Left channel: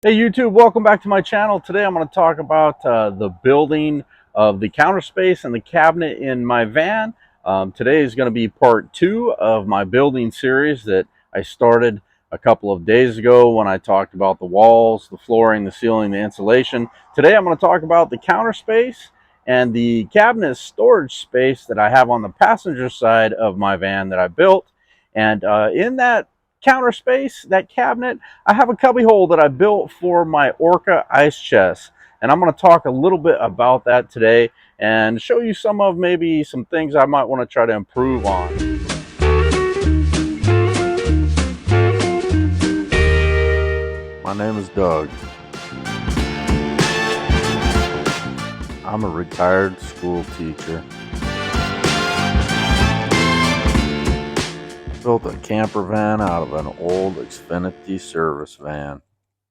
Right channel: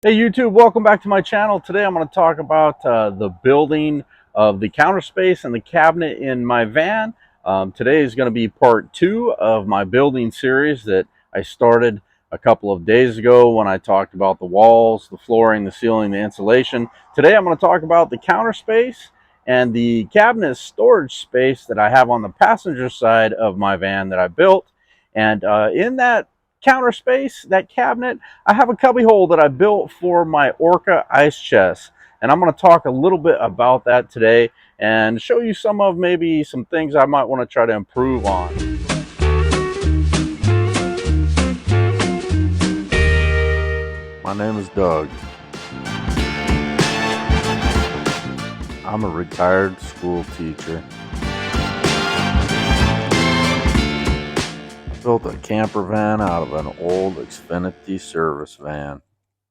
Hey YouTube, welcome back to my channel. Today I'm going to talk about the building of the counter space and the cabinet in my van. Today is going to be part 2 of my building series that I started a couple of days ago when I talked about the walls, the flooring, the ceiling, the insulation. Today I'm going to talk about the counter space and the cabinet storage space that I have on the passenger side of my van that I built. And in that counter space, that cabinet, I have a cubby hole that I built for my Orca ice chest, and I'm going to talk a little bit about that today and show you maybe some things I might want to try to improve on. My name is Doug. I'm a retired school teacher. Built a camper van out of an old Xfinity service van.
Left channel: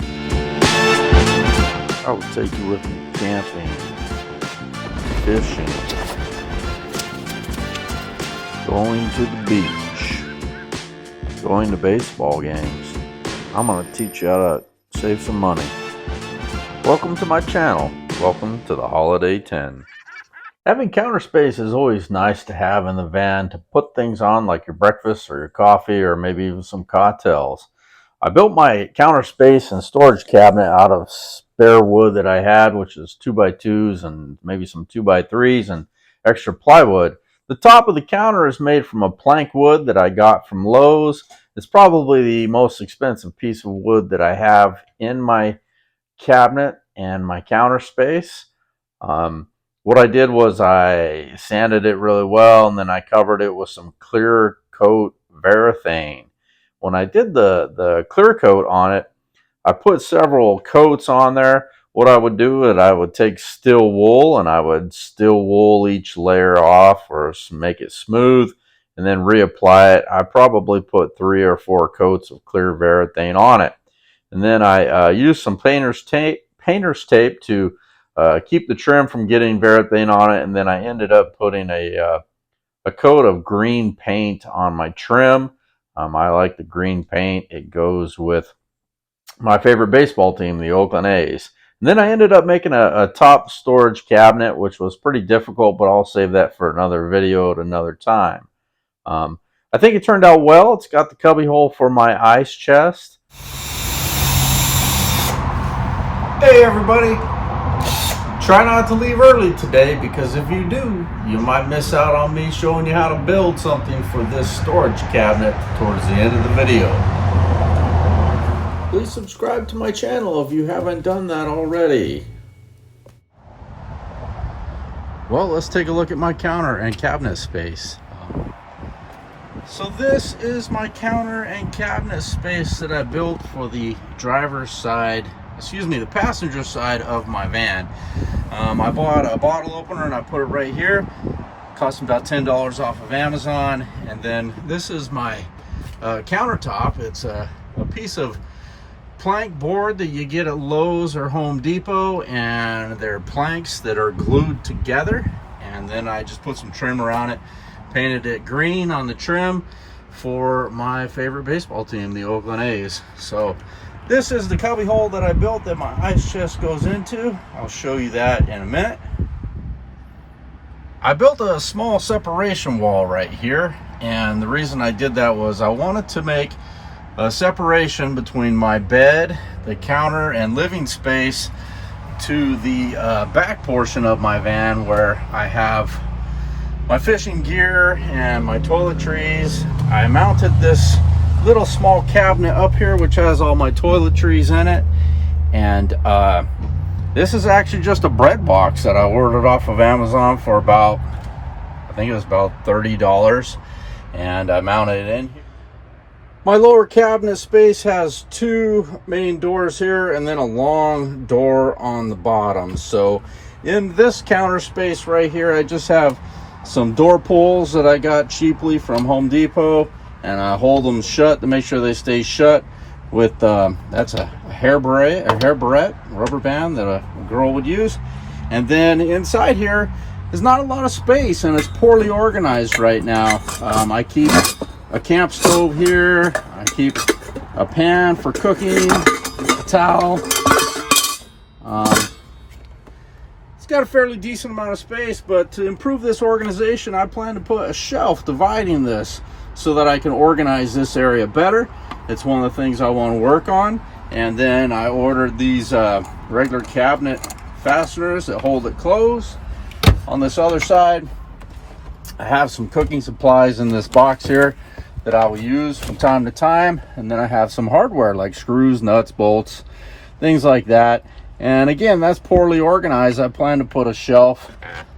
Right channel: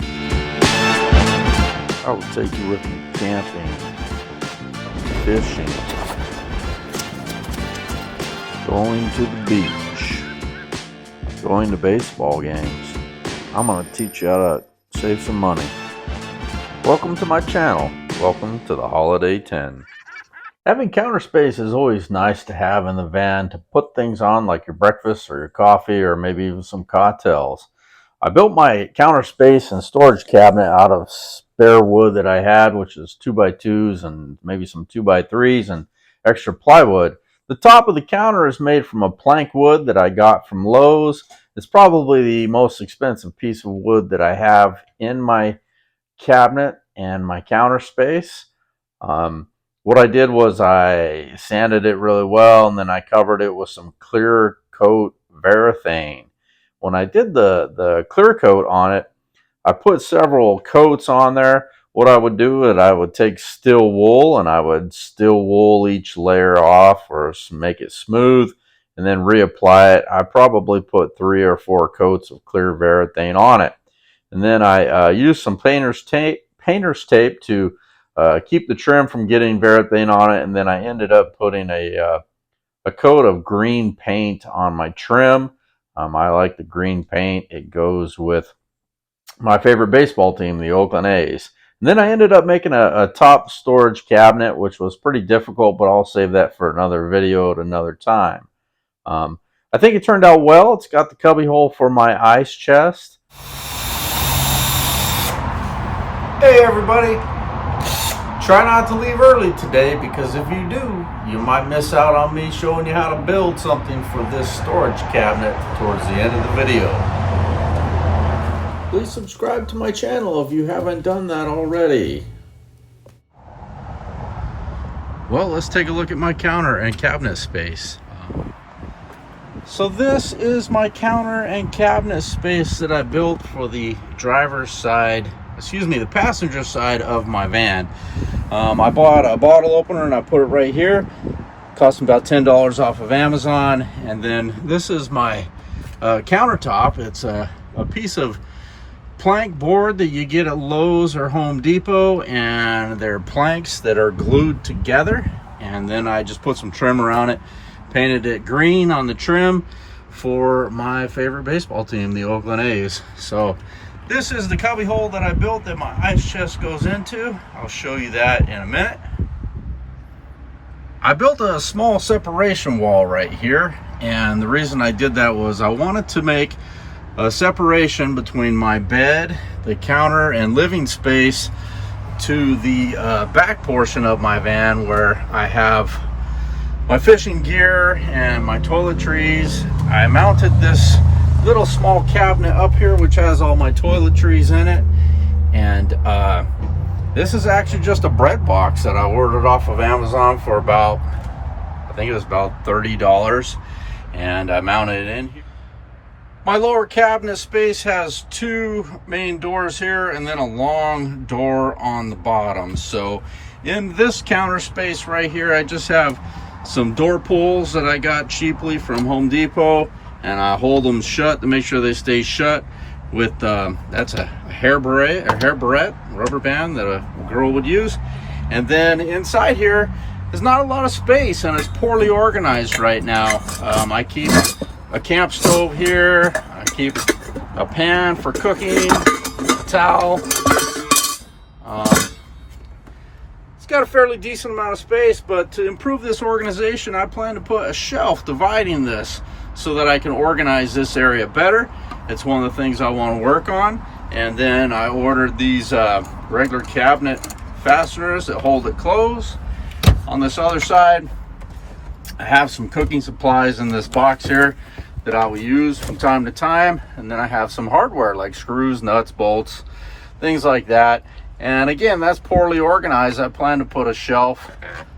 I will take you with me camping, fishing, going to the beach, going to baseball games. I'm going to teach you how to save some money. Welcome to my channel. Welcome to the Holiday Tinn. Having counter space is always nice to have in the van to put things on like your breakfast or your coffee or maybe even some cocktails. I built my counter space and storage cabinet out of spare wood that I had, which is 2x2s and maybe some 2x3s and extra plywood. The top of the counter is made from a plank wood that I got from Lowe's. It's probably the most expensive piece of wood that I have in my cabinet and my counter space. What I did was I sanded it really well, and then I covered it with some clear coat Varathane. When I did the clear coat on it, I put several coats on there. What I would do is I would take steel wool and I would steel wool each layer off or make it smooth and then reapply it. I probably put 3 or 4 coats of clear Varathane on it. And then I used some painter's tape to keep the trim from getting Varathane on it, and then I ended up putting a coat of green paint on my trim. I like the green paint. It goes with my favorite baseball team, the Oakland A's. And then I ended up making a top storage cabinet, which was pretty difficult, but I'll save that for another video at another time. I think it turned out well. It's got the cubby hole for my ice chest. Hey everybody! Try not to leave early today, because if you do, you might miss out on me showing you how to build something for this storage cabinet towards the end of the video. Please subscribe to my channel if you haven't done that already. Well, let's take a look at my counter and cabinet space. So this is my counter and cabinet space that I built for the driver's side, the passenger side of my van. I bought a bottle opener and I put it right here. Cost me about $10 off of Amazon. And then this is my countertop. It's a piece of plank board that you get at Lowe's or Home Depot, and they're planks that are glued together. And then I just put some trim around it, painted it green on the trim for my favorite baseball team, the Oakland A's. So this is the cubby hole that I built that my ice chest goes into. I'll show you that in a minute. I built a small separation wall right here, and the reason I did that was I wanted to make a separation between my bed, the counter, and living space to the back portion of my van, where I have my fishing gear and my toiletries. I mounted this little small cabinet up here which has all my toiletries in it, and this is actually just a bread box that I ordered off of Amazon for about, I think it was about $30, and I mounted it in here. My lower cabinet space has 2 main doors here and then a long door on the bottom. So in this counter space right here, I just have some door pulls that I got cheaply from Home Depot, and I hold them shut to make sure they stay shut with that's a hair barrette rubber band that a girl would use. And then inside here is not a lot of space, and it's poorly organized right now. I keep a camp stove here, I keep a pan for cooking, towel. It's got a fairly decent amount of space, but to improve this organization, I plan to put a shelf dividing this so that I can organize this area better. It's one of the things I want to work on. And then I ordered these regular cabinet fasteners that hold it closed. On this other side, I have some cooking supplies in this box here that I will use from time to time. And then I have some hardware like screws, nuts, bolts, things like that. And again, that's poorly organized. I plan to put a shelf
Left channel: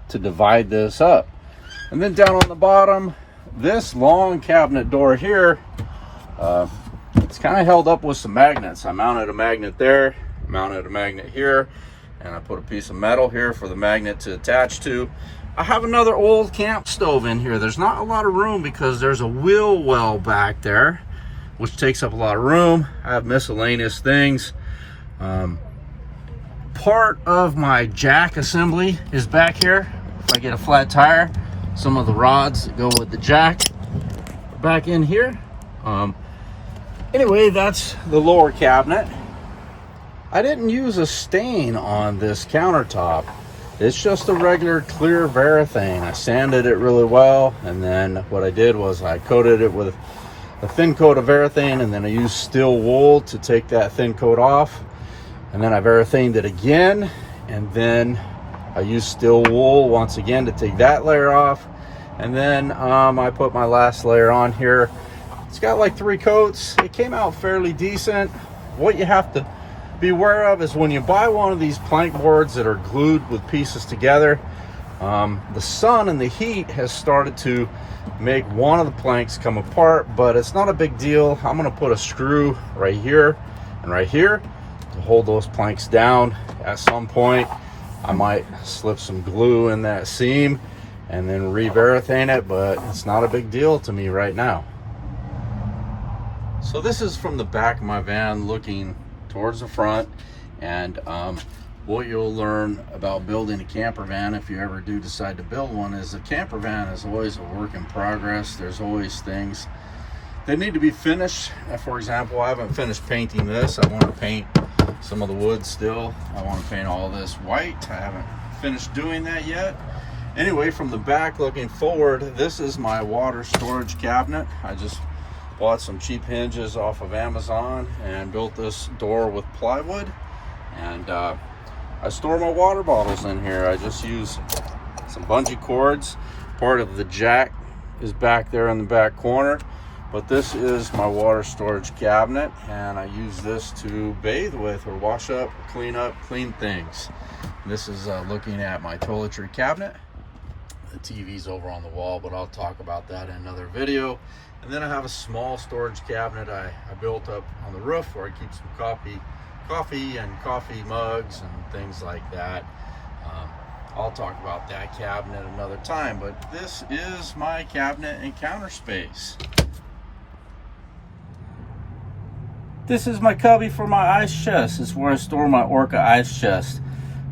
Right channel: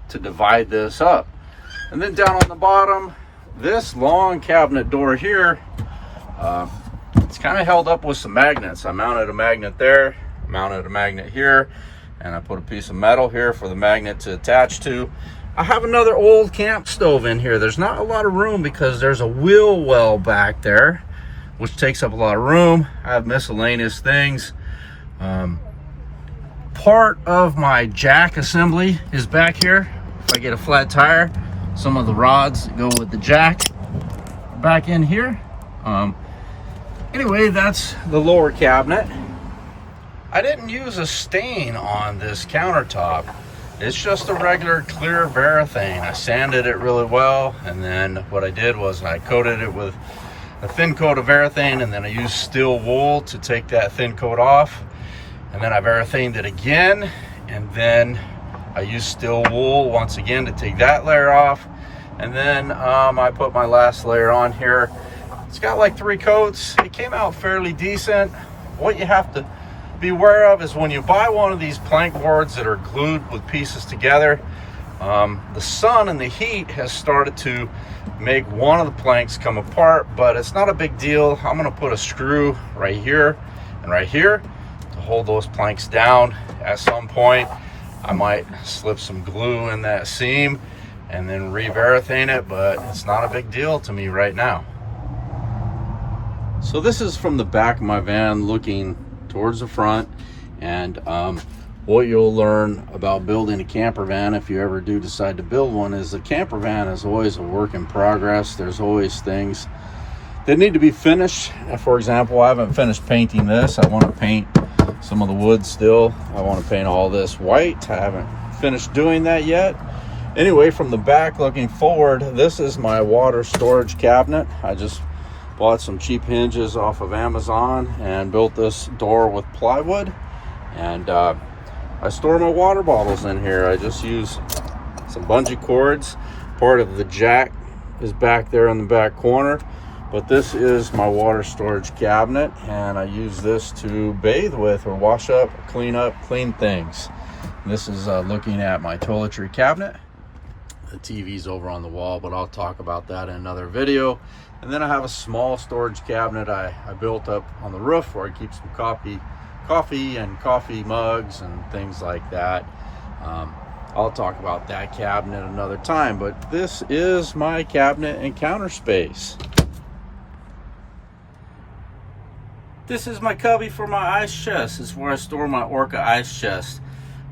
to divide this up. And then down on the bottom, this long cabinet door here, it's kind of held up with some magnets. I mounted a magnet there, mounted a magnet here, and I put a piece of metal here for the magnet to attach to. I have another old camp stove in here. There's not a lot of room because there's a wheel well back there, which takes up a lot of room. I have miscellaneous things. Part of my jack assembly is back here. If I get a flat tire, some of the rods that go with the jack are back in here. Anyway, that's the lower cabinet. I didn't use a stain on this countertop. It's just a regular clear Varathane. I sanded it really well, and then what I did was I coated it with a thin coat of Varathane, and then I used steel wool to take that thin coat off. And then I Varathaned it again, and then I used steel wool once again to take that layer off. And then I put my last layer on here. It's got like 3 coats. It came out fairly decent. What you have to be aware of is when you buy one of these plank boards that are glued with pieces together, the sun and the heat has started to make one of the planks come apart, but it's not a big deal. I'm gonna put a screw right here and right here to hold those planks down. At some point, I might slip some glue in that seam and then re-Varathane it, but it's not a big deal to me right now. So this is from the back of my van looking towards the front, and what you'll learn about building a camper van, if you ever do decide to build one, is the camper van is always a work in progress. There's always things that need to be finished. For example, I haven't finished painting this. I want to paint some of the wood still. I want to paint all this white. I haven't finished doing that yet. Anyway, from the back looking forward, this is my water storage cabinet. I just bought some cheap hinges off of Amazon and built this door with plywood, and I store my water bottles in here. I just use some bungee cords. Part of the jack is back there in the back corner, but this is my water storage cabinet, and I use this to bathe with or wash up, clean things. And this is looking at my toiletry cabinet. The TV's over on the wall, but I'll talk about that in another video. And then I have a small storage cabinet I built up on the roof where I keep some coffee and coffee mugs and things like that. I'll talk about that cabinet another time, but this is my cabinet and counter space. This is my cubby for my ice chest. This is where I store my Orca ice chest.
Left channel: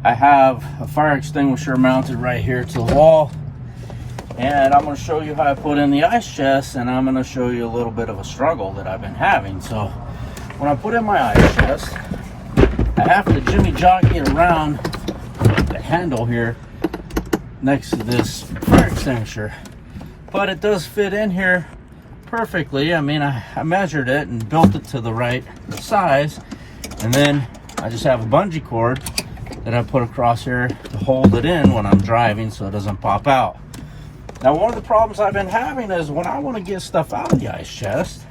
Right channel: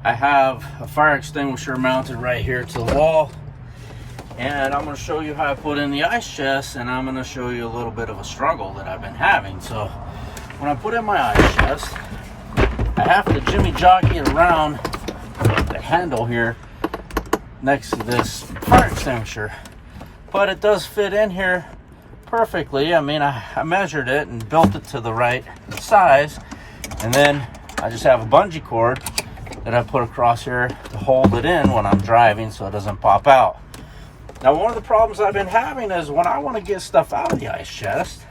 I have a fire extinguisher mounted right here to the wall. And I'm going to show you how I put in the ice chest, and I'm going to show you a little bit of a struggle that I've been having. So when I put in my ice chest, I have to jimmy jockey around the handle here next to this fire extinguisher. But it does fit in here perfectly. I mean, I measured it and built it to the right size. And then I just have a bungee cord that I put across here to hold it in when I'm driving so it doesn't pop out. Now, one of the problems I've been having is when I want to get stuff out of the ice chest,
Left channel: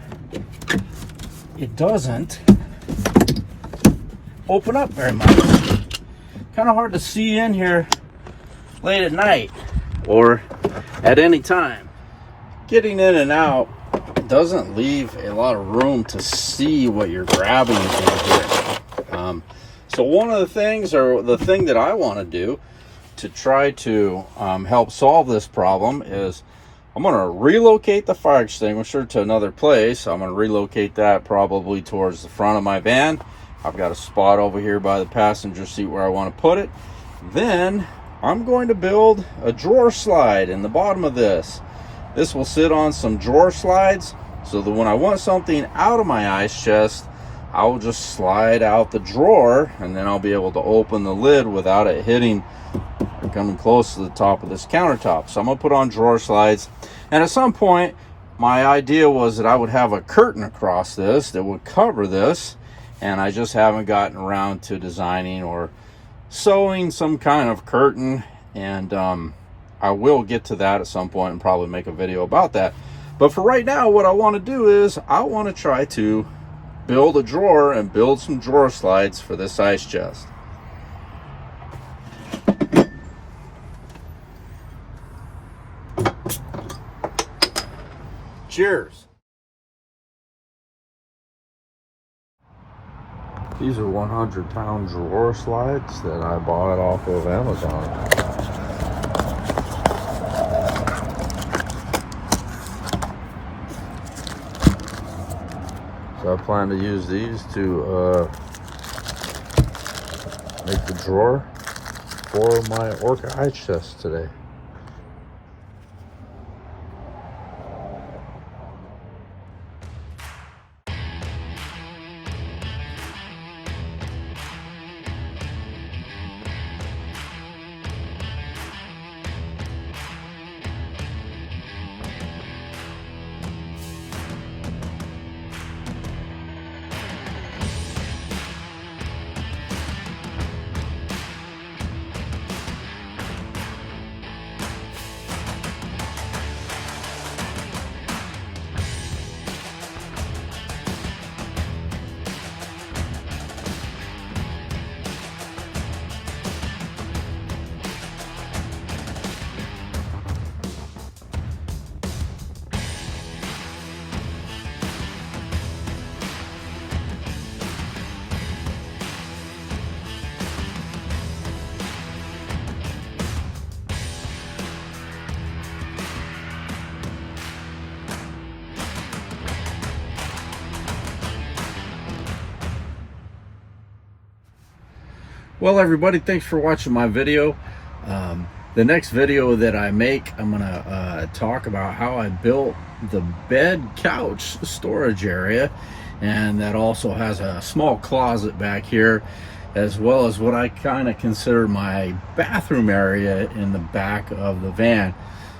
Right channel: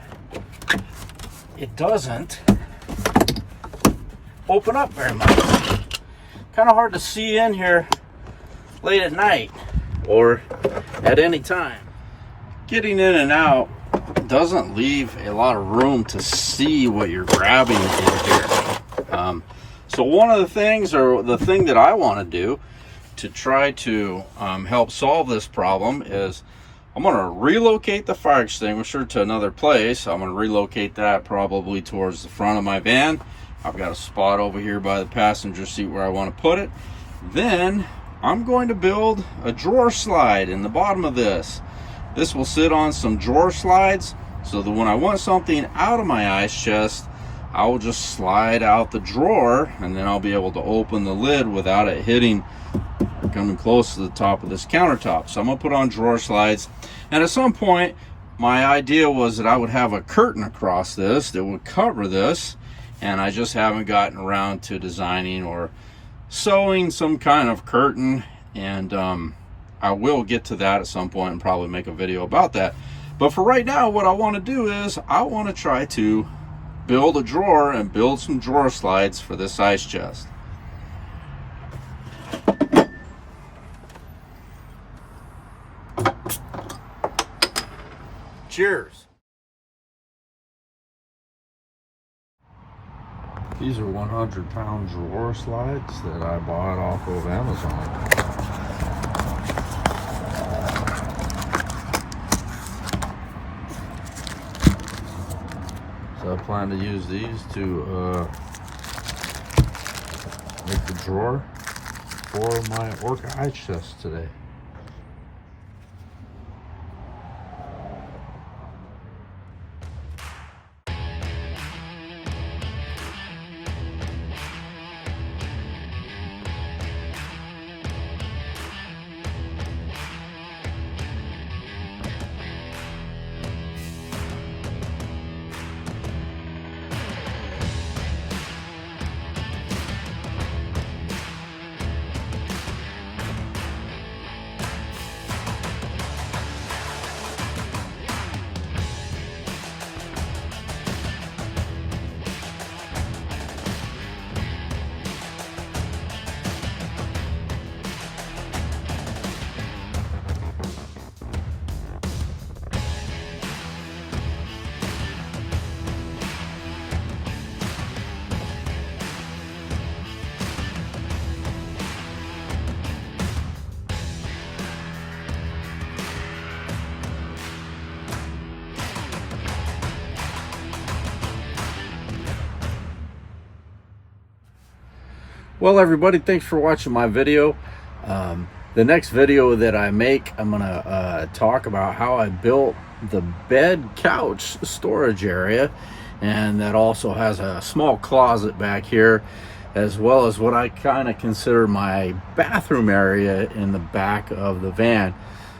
it doesn't open up very much. Kind of hard to see in here late at night or at any time. Getting in and out doesn't leave a lot of room to see what you're grabbing in here. So one of the things, or the thing that I want to do to try to help solve this problem, is I'm going to relocate the fire extinguisher to another place. I'm going to relocate that probably towards the front of my van. I've got a spot over here by the passenger seat where I want to put it. Then I'm going to build a drawer slide in the bottom of this. This will sit on some drawer slides so that when I want something out of my ice chest, I'll just slide out the drawer, and then I'll be able to open the lid without it hitting or coming close to the top of this countertop. So I'm gonna put on drawer slides, and at some point my idea was that I would have a curtain across this that would cover this, and I just haven't gotten around to designing or sewing some kind of curtain, and I will get to that at some point and probably make a video about that. But for right now, what I want to do is I want to try to build a drawer and build some drawer slides for this ice chest. Cheers. These are 100-pound drawer slides that I bought off of Amazon. So I plan to use these to make the drawer for my orca ice chest today. Well, everybody, thanks for watching my video. The next video that I make, I'm gonna talk about how I built the bed couch storage area, and that also has a small closet back here, as well as what I kind of consider my bathroom area in the back of the van.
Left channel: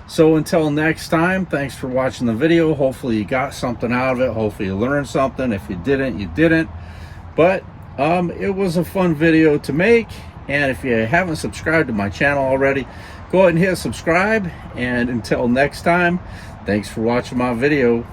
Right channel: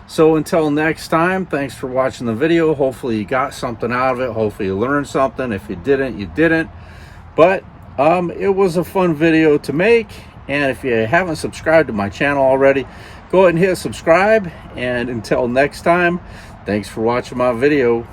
So until next time, thanks for watching the video. Hopefully you got something out of it. Hopefully you learned something. If you didn't, you didn't. But it was a fun video to make, and if you haven't subscribed to my channel already, go ahead and hit subscribe. And until next time, thanks for watching my video.